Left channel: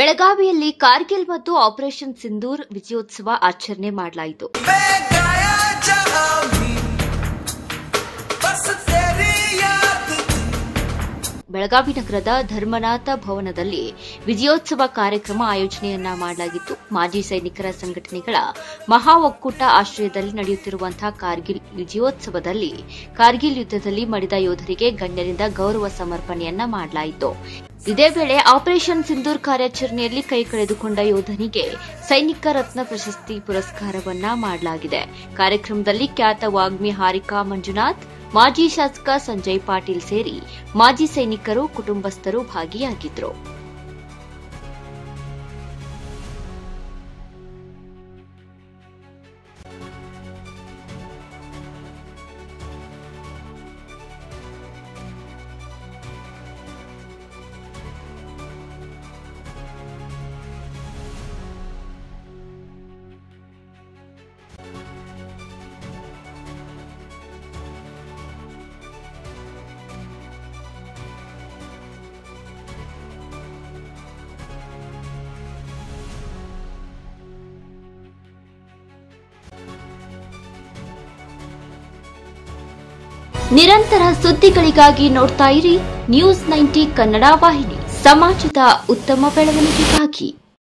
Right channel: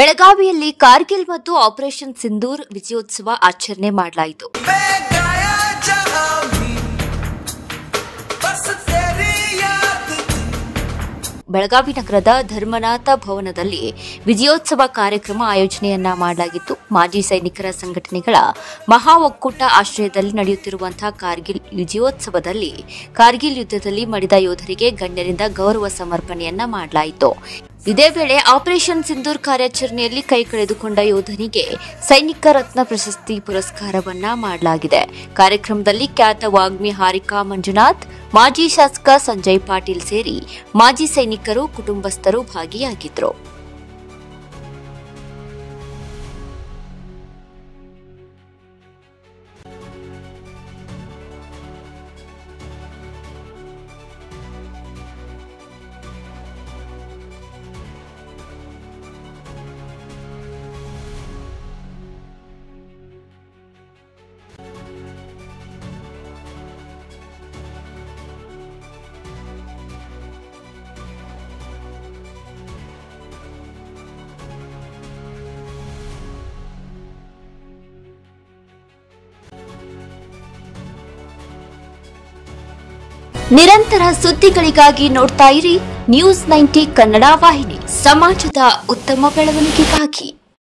ಬೆಳಗಾವಿಯಲ್ಲಿ ಕಾರ್ಗಿಲ್ ಮತ್ತು ಆಪರೇಷನ್ ಸಿಂಧೂರ್ ವಿಜಯೋತ್ಸವ ಆಚರಣೆ ಮಾಡಲಾಯಿತು. ಬೆಳಗಾವಿ ನಗರದ ಧರ್ಮನಾಥ ಭವನದಲ್ಲಿ ವಿಜಯೋತ್ಸವ ಕಾರ್ಯಕ್ರಮ ಆಯೋಜನೆಯನ್ನ ಮಾಡಲಾಗಿತ್ತು. ಮಾಜಿ ಸೈನಿಕರ ಸಂಘಟನೆಗಳ ಮಹಾ ಒಕ್ಕೂಟ ಆಶ್ರಯದಲ್ಲಿ ನಡೆಯುತ್ತಿರುವಂತಹ ಕಾರ್ಗಿಲ್ ವಿಜಯೋತ್ಸವದಲ್ಲಿ ಕಾರ್ಗಿಲ್ ಯುದ್ದದಲ್ಲಿ ಮಡಿದ ಯೋಧರಿಗೆ ಗಣ್ಯರಿಂದ ಗೌರವ ಸಮರ್ಪಣೆಯನ್ನ ಮಾಡಲಾಯಿತು. ಇದೇ ವೇಳೆ ಆಪರೇಷನ್ ಸಿಂಧೂರ್ ಕಾರ್ಯಾಚರಣೆಯಲ್ಲಿ ಕೈ ಕಳೆದುಕೊಂಡ ಯೋಧನಿಗೆ ಸೈನಿಕ ರತ್ನ ಪ್ರಶಸ್ತಿ ಪುರಸ್ಕಾರವನ್ನ ಮಾಡಲಾಗಿದೆ. ಕಾರ್ಯಕ್ರಮದಲ್ಲಿ ಖ್ಯಾತ ವಾಗ್ಮಿ ಹಾರಿಕಾ ಮಂಜುನಾಥ್, ಮಾಜಿ ಶಾಸಕ ಸಂಜಯ್ ಪಾಟೀಲ್ ಸೇರಿ ಮಾಜಿ ಸೈನಿಕರು, ಕುಟುಂಬಸ್ಥರು ಭಾಗಿಯಾಗಿದ್ದರು. ನಿರಂತರ ಸುದ್ದಿಗಳಿಗಾಗಿ ನೋಡ್ತಾ ಇರಿ ನ್ಯೂಸ್ 90 ಕನ್ನಡ ವಾಹಿನಿ, ಸಮಾಜದ ಉತ್ತಮ ಬೆಳವಣಿಗೆಗಾಗಿ.